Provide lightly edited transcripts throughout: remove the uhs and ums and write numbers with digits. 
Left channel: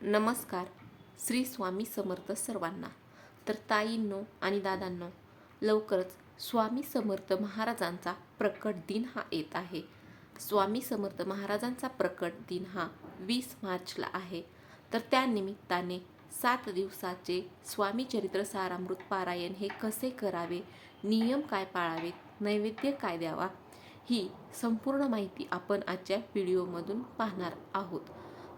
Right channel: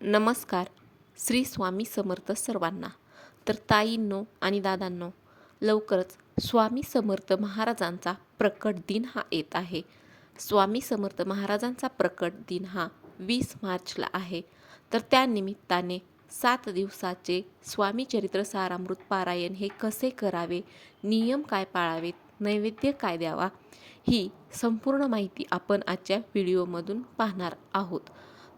नमस्कार. श्री स्वामी समर्थ सर्वांना. तर ताईंनो आणि दादांनो, लवकरच स्वामी समर्थ महाराजांचा प्रकट दिन हा येत आहे. स्वामी समर्थ महाराजांचा प्रकट दिन हा 20 मार्चला आहे. तर त्यानिमित्ताने 7 दिवसाचे स्वामी चरित्र सारामृत पारायण हे कसे करावे, नियम काय पाळावेत, नैवेद्य काय द्यावा, ही संपूर्ण माहिती आपण आजच्या व्हिडिओमधून पाहणार आहोत.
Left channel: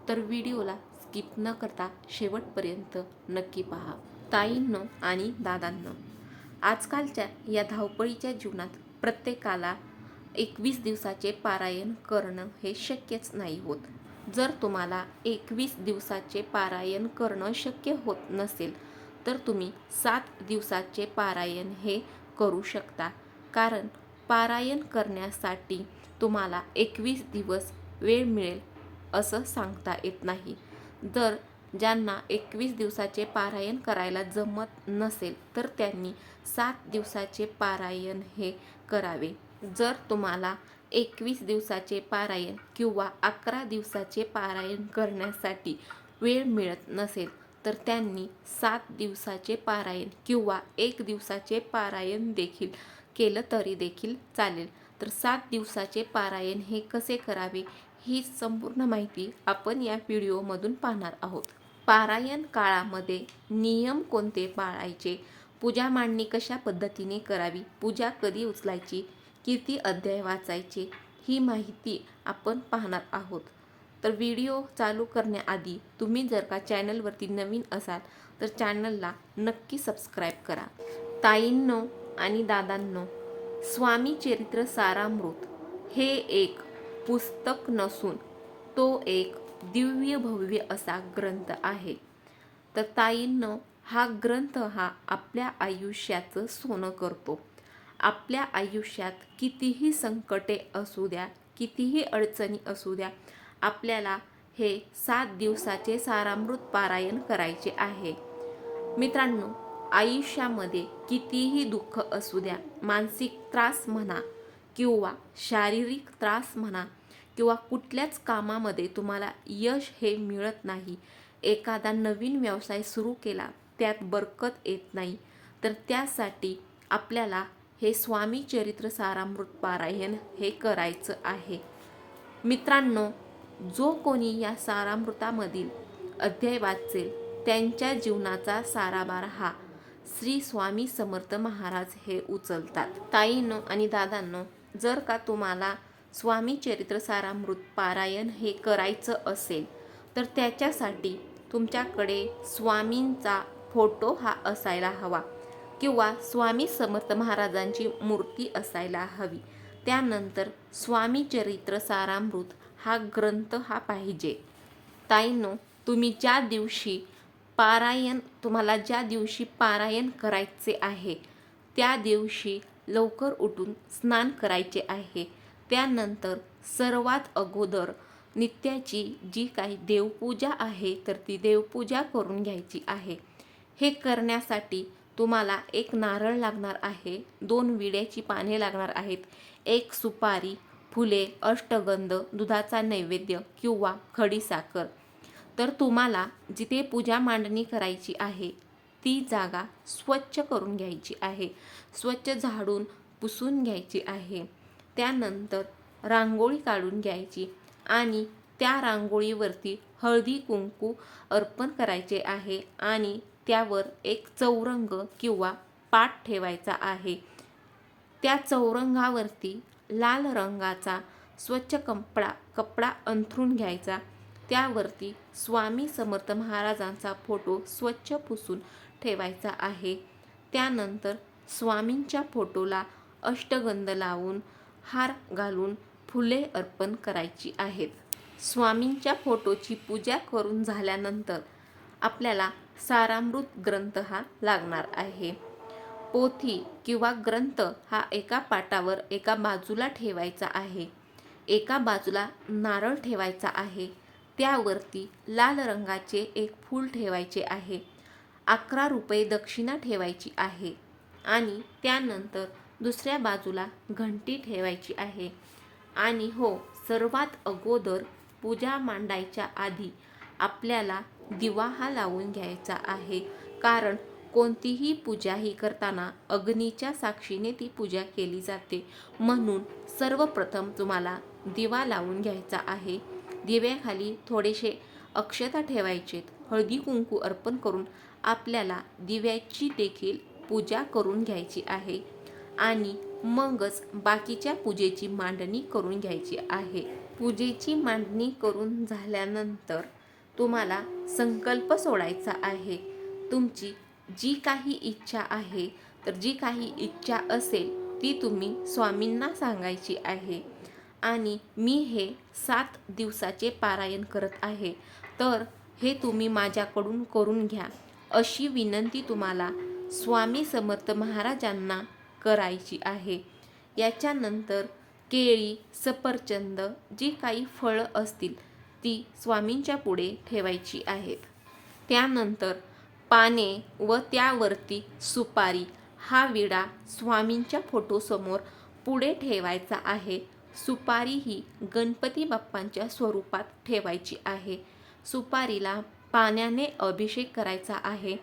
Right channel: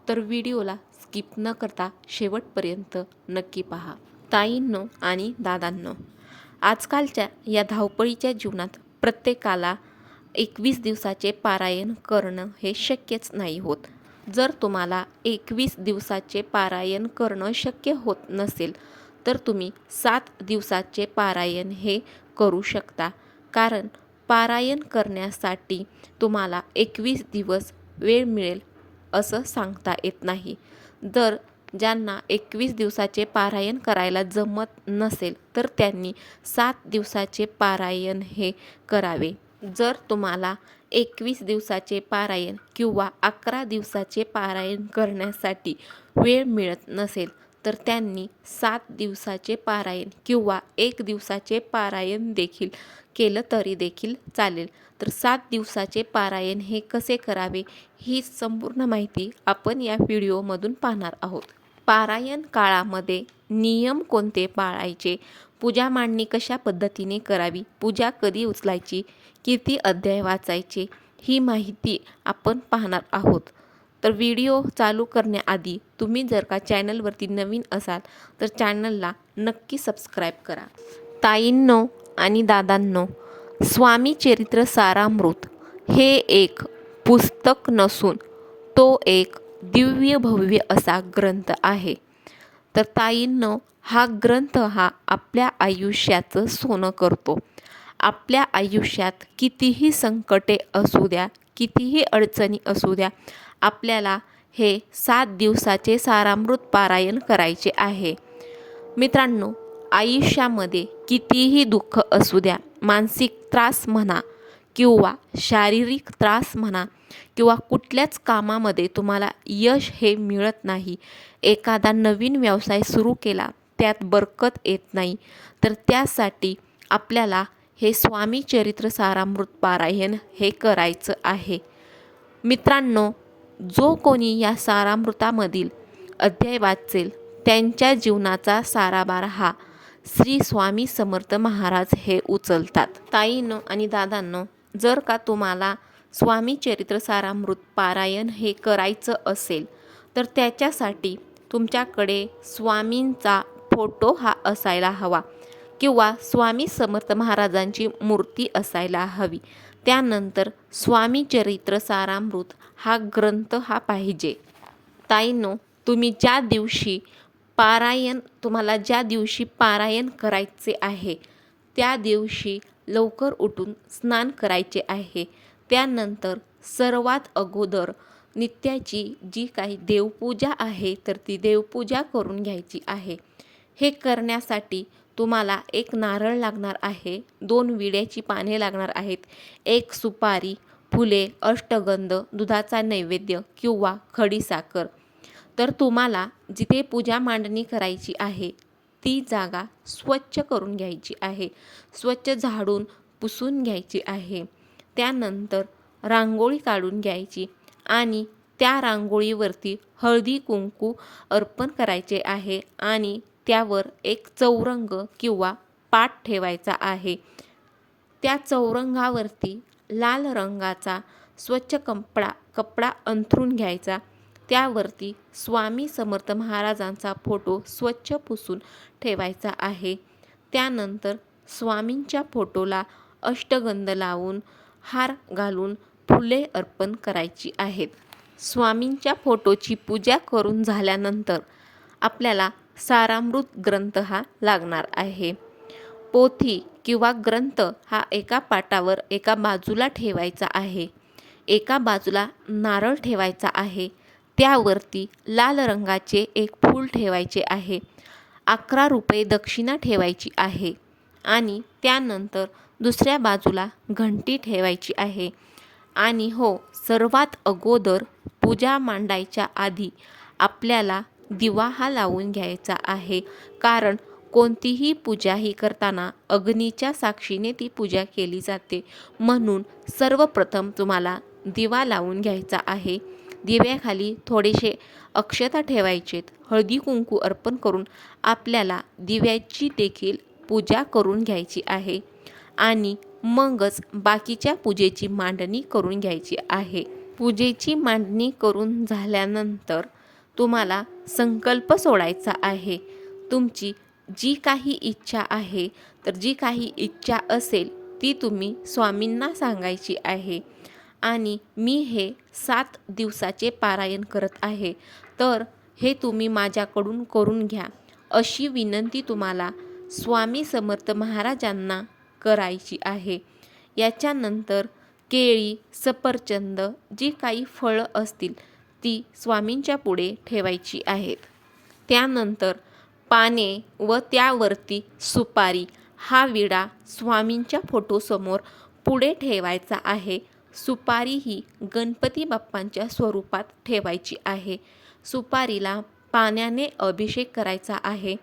तर व्हिडिओला स्किप न करता शेवटपर्यंत नक्की पहा. ताईंनो आणि दादांनो, आजकालच्या या धावपळीच्या जीवनात प्रत्येकाला 21 दिवसाचे पारायण करणं हे शक्यच नाही होत. जर तुम्हाला 21 दिवसाचे पारायण करणं शक्य होत नसेल तर तुम्ही 7 दिवसाचे पारायण हे करू शकता. कारण पारायण करण्यासाठी तुम्हाला 21 दिवस वेळ मिळेल असं सांगता येत नाही. जर ज्यांना 21 दिवसाचे पारायण करायला जमत नसेल तर त्यांनी 7 दिवसाचे पारायण हे करावे. जर तुम्हाला 21 दिवसाचे पारायण किंवा 11 दिवसाचे पारायण करण्यासाठी वेळ मिळत नसेल तर त्यांनी 7 दिवसाचे पारायण किंवा 1 दिवसाचे पारायण देखील केलं तरी देखील चालेल. तर 7 दिवसाचे पारायण हे कसे करावे ही संपूर्ण माहिती आपण या व्हिडिओमधून पाहणार आहोत. पारायण काळामध्ये नियम कोणते पाळायचे, पूजा मांडणी कशा पद्धतीने करावी, पूजा कधी उचलायची, किती अध्याय वाचायचे, ही माहिती आपण पाहणार आहोत. तर व्हिडिओ चालू करण्याआधी तुम्ही जर का चॅनलवरती नवीन असाल तर चॅनलला नक्की सबस्क्राईब करा. ताईंनो आणि दादांनो, स्वामी चरित्र सारामृत हे एक पुस्तक नसून तो एक दिव्य भव्य असा ग्रंथ आहे. तर ताईंनो, हा ग्रंथ हा आपल्या आयुष्याचं सोनं करतो. आपल्या आयुष्यात कितीही संकटे असू द्या, कितीही अडचणी असू द्या, आपल्याला हे 7 दिवसाचे सारामृत पारायण करायचे आहे. मित्रांनो, आयुष्यामध्ये कितीही दुःख असू द्या, मानसिक त्रास म्हणा किंवा शारीरिक त्रास म्हणा किंवा कुठल्याच कामामध्ये तुम्हाला यश हे मिळत नाही, एखादा नवीन व्यवसाय सुरू केला त्यात बरकत येत नाही, तर त्यासाठी आपल्याला हे स्वामी चरित्र सारामृत पारायण हे करायचं आहे. मित्रांनो, जो कोणी या सारामृतामधील अध्याय वाचेल त्यांच्या जीवनाचा साराभार हा श्री स्वामी समर्थ महाराज हे उचलतात. ताईंनो आणि दादांनो, जर का तुम्हाला स्वामी चरित्र सारामृत पारायण हे करायचं असेल तर त्याच्यासाठी तुमच्याकडे स्वामींचा फोटो हा असायला हवा किंवा स्वामी समर्थ महाराजांची मूर्ती असायला हवी. त्यानंतर स्वामी चरित्र सारामृत हा ग्रंथ हा पाहिजे. ताईंनो, तुम्हाला ज्या दिवशी पारायण करायचे आहे त्या दिवशी लवकर उठून स्नान करायचे आहे. त्यानंतर सर्वात अगोदर नित्याची जी काही देवपूजा आहे तर ती देवपूजा करून घ्यायची आहे. हे करण्यासाठी तुम्हाला 1 नारळ लागणार आहे, 2 विड्याची पाने लागणार आहेत, 1 सुपारी, फुले, अष्टगंध, दुधाचा नैवेद्य किंवा खडीसाखर. तर तुम्हाला जिथे पूजा मांडणी करायची आहे ती जागा स्वच्छ करून घ्यायची आहे, स्वच्छ झाडून पुसून घ्यायची आहे. त्यानंतर रांगोळी काढून घ्यायची आणि त्या रांगोळीवरती हळदी कुंकू अर्पण करायचे आहे आणि त्यावर एक चौरंग किंवा पाट ठेवायचा आहे. त्या चौरंगावरती लाल रंगाचा स्वच्छ कपडा अंथरून घ्यायचा. त्यावरती स्वामी समर्थ महाराजांचा फोटो स्वच्छ पुसून ठेवायचा आहे. त्यानंतर स्वामींच्या फोटोला अष्टगंध लावून, हार घालून फुले अर्पण करायची आहेत. स्वामींच्या फोटोची पूजा करून झाल्यानंतर आपल्याला सारामृत ग्रंथ हा लागणार आहे. पोथी किंवा ग्रंथ हा एका पाटावर एका बाजूला ठेवायचा आहे. एका बाजूला नारळ ठेवायचा आहे. त्यावरती लाल रंगाचे एक फूल ठेवायचे आहे. 11 रुपये दक्षिणा ठेवायची आहे आणि त्यानंतर दुसऱ्या बाजूला घंटी ठेवायची आहे. आणि हो, सर्वात अगोदर पूजा मांडायच्या आधी आपल्याला दिवा हा लावून घ्यायचा आहे. कारण कोणतीही पूजा ही करताना अग्नीच्या साक्षीने ती पूजा केली जाते. म्हणून सर्वप्रथम तुम्हाला दिवा लावून घ्यायचा आहे. दिव्याखाली थोडेसे अक्षता ठेवायचेत. हळदी कुंकू अर्पण करून आपल्याला दिव्याची देखील पूजा करून घ्यायची आहे आणि मगच बाकीच्या पूजेची मांडणी करून घ्यायची आहे. पूजेची मांडणी करून झाल्यानंतर तुम्हाला संकल्प सोडायचा आहे. तुमची जी काही इच्छा आहे, तर जी काही इच्छा असेल ती तुम्ही स्वामींना सांगायची आहे. आणि मी हे 7 दिवसाचे पारायण करत आहे, तर हे तुम्ही माझ्याकडून करून घ्या, अशी विनंती तुम्हाला स्वामी समर्थ महाराजांना करायची आहे. याच्यानंतर केळी, सफरचंद जी काही फळं असतील ती स्वामींच्या पुढे ठेवायची आहेत. त्यानंतर पाने व त्यावरती सुपारी हा विडा स्वामींच्या फोटोसमोर पुढे ठेवायचा आहे. सुपारी ही गणपती बाप्पांच्या स्वरूपात ठेवायची आहे. सुपारीला पाण्याने अभिषेक करायचा आहे.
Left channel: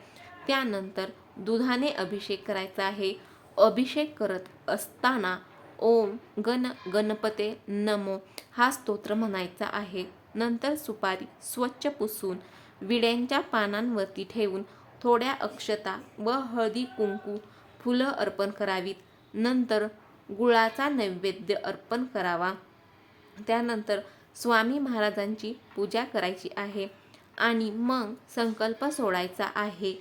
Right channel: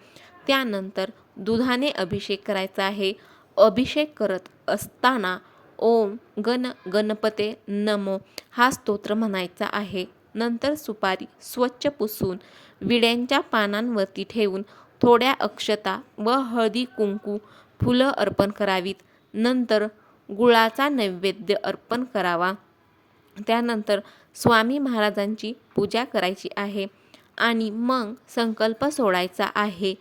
त्यानंतर दुधाने अभिषेक करायचा आहे. अभिषेक करत असताना ओम गण गणपते नमो हा स्तोत्र म्हणायचा आहे. नंतर सुपारी स्वच्छ पुसून विड्यांच्या पानांवरती ठेवून थोड्या अक्षता व हळदी कुंकू फुलं अर्पण करावीत. नंतर गुळाचा नैवेद्य अर्पण करावा. त्यानंतर स्वामी महाराजांची पूजा करायची आहे आणि मग संकल्प सोडायचा आहे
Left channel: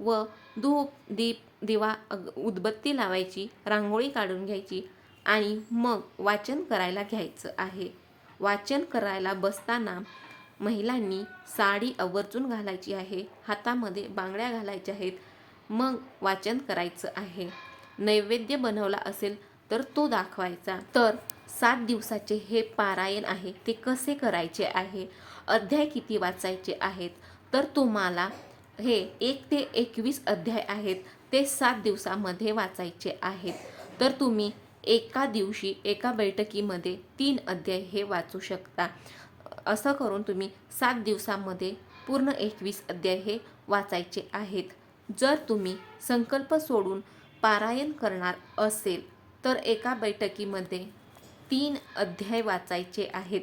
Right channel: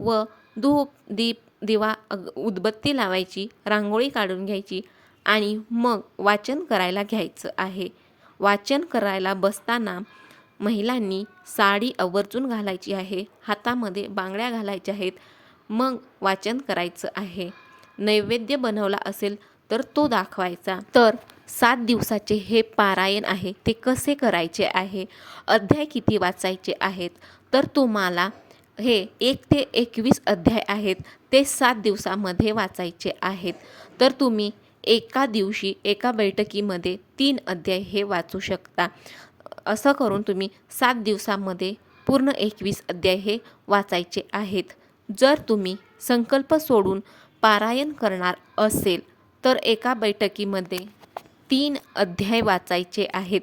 व धूप दीप दिवा उदबत्ती लावायची, रांगोळी काढून घ्यायची आणि मग वाचन करायला घ्यायचं आहे. वाचन करायला बसताना महिलांनी साडी आवर्जून घालायची आहे. हातामध्ये बांगड्या घालायच्या आहेत. मग वाचन करायचं आहे. नैवेद्य बनवला असेल तर तो दाखवायचा. तर 7 दिवसाचे हे पारायण आहे ते कसे करायचे आहे, अध्याय किती वाचायचे आहेत, तर तुम्हाला हे 1 ते 21 अध्याय आहेत ते 7 दिवसामध्ये वाचायचे आहेत. तर तुम्ही एका दिवशी एका बैठकीमध्ये 3 अध्याय हे वाचू शकता. असं करून तुम्ही 7 दिवसामध्ये पूर्ण 21 अध्याय हे वाचायचे आहेत. जर तुम्ही संकल्प सोडून पारायण करणार असेल तर एका बैठकीमध्ये 3 अध्याय वाचायचे आहेत.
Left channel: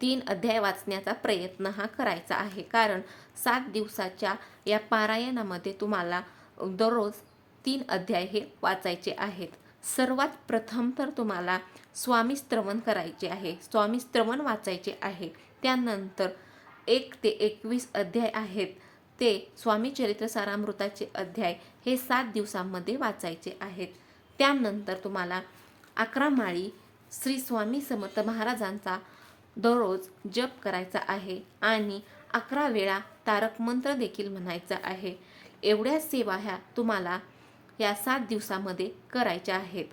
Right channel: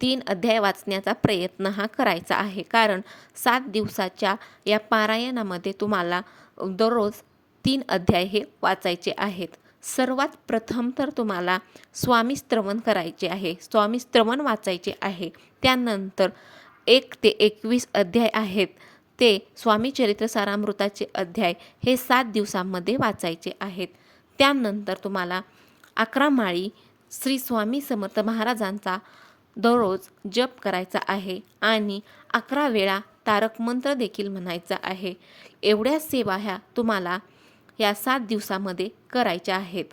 3 अध्याय वाचण्याचा प्रयत्न हा करायचा आहे. कारण 7 दिवसाच्या या पारायणामध्ये तुम्हाला दररोज 3 अध्याय हे वाचायचे आहेत. सर्वात प्रथम तर तुम्हाला स्वामी श्रवण करायचे आहे. स्वामी श्रवण वाचायचे आहे. त्यानंतर 1 ते 21 अध्याय आहेत ते स्वामी चरित्र सारामृताचे अध्याय हे 7 दिवसांमध्ये वाचायचे आहेत. त्यानंतर तुम्हाला 11 माळी श्री स्वामी समर्थ महाराजांचा दररोज जप करायचा आहे आणि 11 वेळा तारक मंत्र देखील म्हणायचा आहे. एवढ्या सेवा ह्या तुम्हाला या 7 दिवसामध्ये करायच्या आहेत.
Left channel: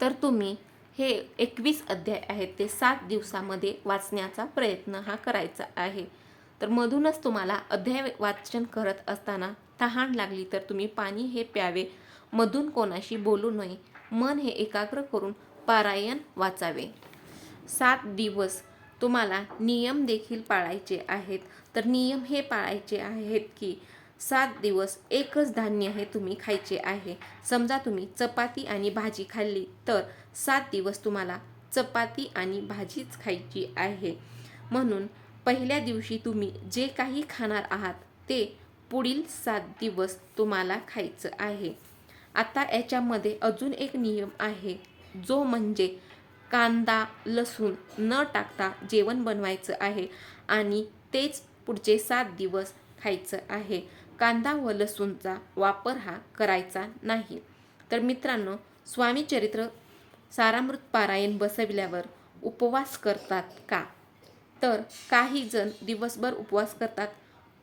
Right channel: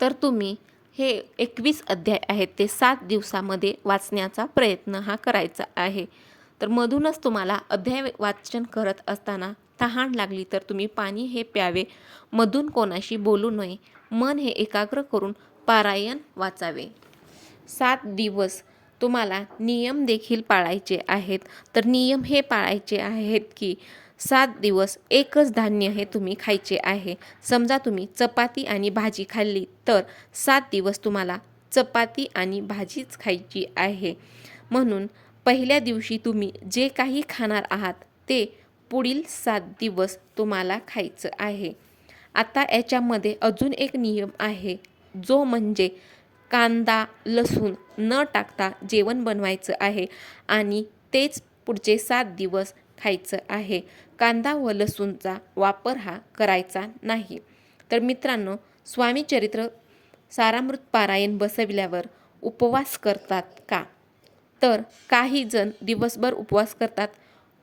तर तुम्ही हे 21 अध्याय आहेत ते 7 दिवसामध्ये वाचण्याचा प्रयत्न हा करायचा आहे. तर मधूनच तुम्हाला अध्याय वाचन करत असताना तहान लागली तर तुम्ही पाणी हे प्यावे. मधून कोणाशी बोलू नये. मन हे एकाग्र करून पारायण वाचावे. 7 दिवस तुम्हाला नियम देखील पाळायचे आहेत. तर नियम हे पाळायचे आहेत की 7 दिवस एकच धान्य हे तुम्ही खायचे आहे. समजा तुम्ही चपाती आणि भाजी खाल्ली तर 7 दिवस तुम्हाला चपाती आणि भाजीच खायची आहे. म्हणून पहिल्या दिवशी तुम्ही जे काही खाणार आहात ते पुढील 7 दिवस तुम्हाला खायचं आहे. आता याच्यामध्ये अजून एक नियम आहे, जो म्हणजे कांदा लसूण न टाकता जेवण बनवायचं आहे आणि तेच पुढचे 7 दिवस खायचं आहे. कांदा व लसूणचा वापर हा करायचा नाही. तर मित्रांनो, स्वामी चरित्र सारामृत पारायण बसविल्यावर उपवास करतात का? तर काही जण दिवसभर उपवास करतात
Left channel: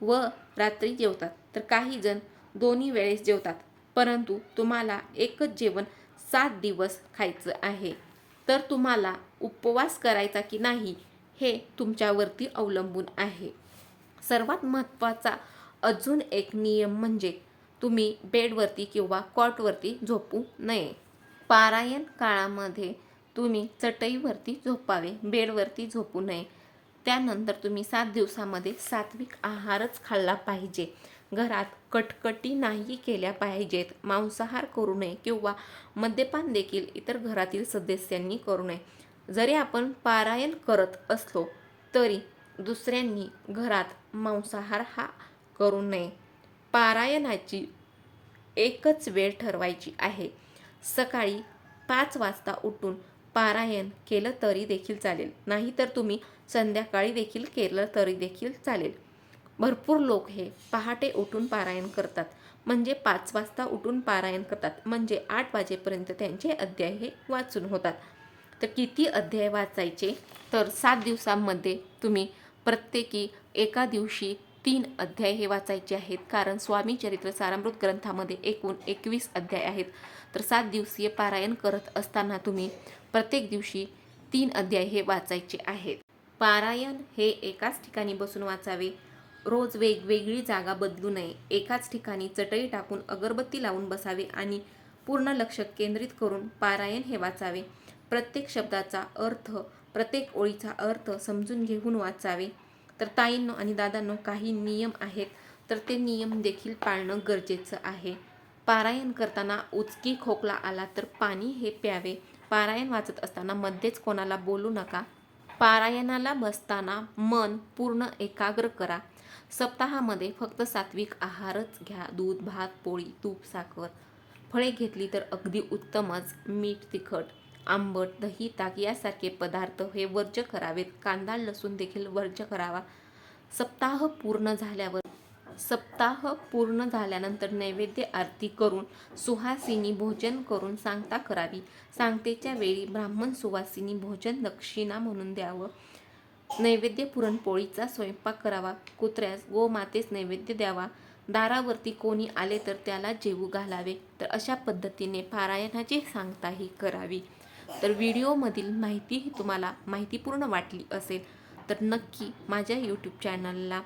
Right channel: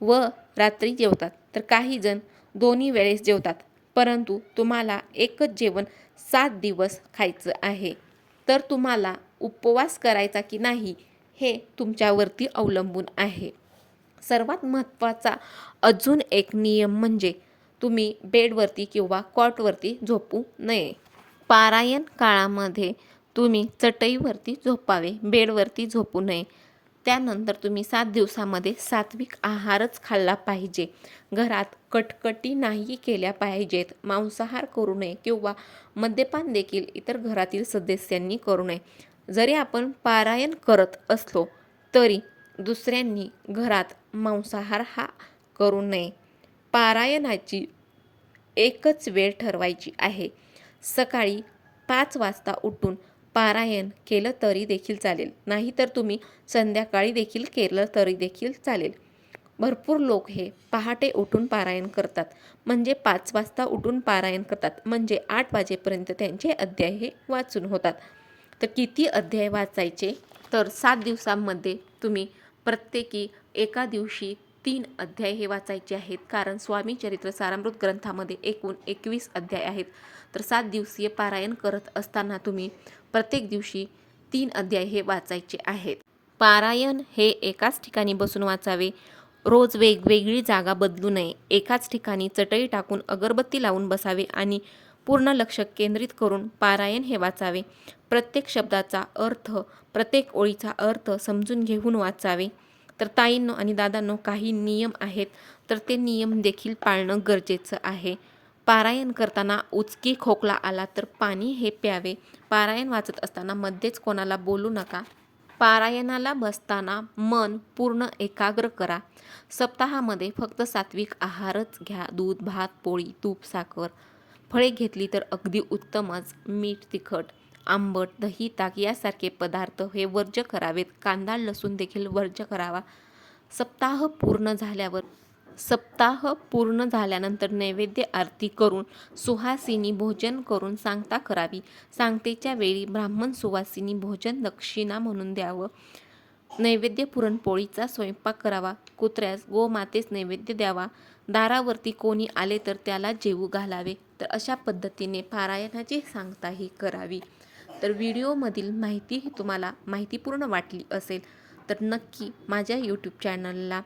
व रात्री जेवतात, तर काही जण दोन्ही वेळेस जेवतात. परंतु तुम्हाला एकच जेवण 7 दिवस खायचं आहे. तर तुम्हाला उपवास करायचा की नाही हे तुमच्यावरती अवलंबून आहे. सर्वात महत्त्वाचा अजून एक नियम म्हणजे तुम्ही बेडवरती किंवा कॉटवरती झोपू नये. पारायण काळामध्ये तुम्ही चटईवरती झोपावे, बेडवरती झोपू नये. त्यानंतर तुम्ही 7 दिवसामध्ये सात्विक आहारच खाल्ला पाहिजे. घरात कटकटी नाही केल्या पाहिजेत. मांसाहार करू नये किंवा मद्यपान देखील इतर घरातील सदस्यांनी करू नये. जरी आपण पारायण करत असलो तरी दुसऱ्यांनी घरात मांसाहार हा करू नये. पारायणाची एकच वेळ ठरवायची आहे. सकाळी 5 वाजता उठून पारायण केलं तरी देखील चालेल, नाहीतर तुम्ही संध्याकाळी देखील केलं तरी देखील चालेल. भरपूर लोक हे पहाटे उठून पारायण करतात, म्हणजे 5 वाजता उठून पारायण करतात, म्हणजे 8 वाजेपर्यंत त्यांचे अध्याय हे वाचून होतात. तर किती अध्याय वाचायचे? तर 7 दिवसांमध्ये तुम्ही प्रत्येकी एका दिवशी 3 अध्याय हे वाचायचे आहेत, कारण स्वामी चरित्र सारामृत ग्रंथामध्ये एकूण 21 अध्याय आहेत. तर 7 दिवसीय पारायण करत असताना तुम्ही प्रत्येक दिवशी 3 अध्याय हे वाचायचे आहेत. पारायण हे एकाच ठिकाणी बसून वाचावे. रोज वेगवेगळी जागा बदलू नये. एकाच ठिकाणी चटई टाकून अगरबत्ती लावून बसावे आणि पूर्ण लक्ष केंद्रित करून पारायण हे वाचावे. प्रत्येक शब्दाचा अर्थ, प्रत्येक ओळीचा अर्थ समजून घेऊन वाचावे. तर ताईंनो आणि दादांनो, काही नियम आहेत, तर ते नियम देखील पाळणं गरजेचं आहे. पारायण करताना उचकी खोकला आला तर पाणी हे प्यावे. पारायण वाचत असताना मध्येच कोणाला बोलू नका. पारायणाला बसताना मन पूर्ण एकाग्र करा. सप्ताहामध्ये फक्त सात्विक आहारच घ्या. दूध, भात, पोळी, तूप, साखर, फळे घेतली तर अगदी उत्तमच. मीठ, तिखट, आंबट, दही, ताक यासारखे पदार्थ हे वर्ज्य करावेत. कांदा, लसूण देखील वर्ज्य करावा. सप्ताह पूर्ण झाल्यानंतर नैवेद्य आरती करून सुहासिनी भोजन करून सांगता करावी. सांगतेच्या वेळी ब्राह्मण सुवासिनी भोजन दक्षिणा म्हणून द्यावं. नैवेद्य पुरणपोळीचा स्वयंपाक करावा. कुत्र्यास गोमातेस नैवेद्य द्यावा. दारावरती कोणी आले तर त्याला जेवू घालावे. तर अशा पद्धतीने पारायणाची सांगताही करावी. तर व्हिडिओमधील माहिती ही तुम्हाला माहितीपूर्ण वाटली असेल तर नक्की माझ्या यूट्यूब चॅनलला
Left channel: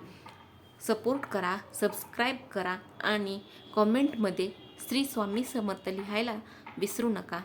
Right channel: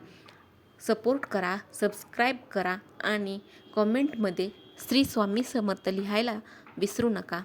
सपोर्ट करा, सबस्क्राईब करा आणि कॉमेंटमध्ये श्री स्वामी समर्थ लिहायला विसरू नका.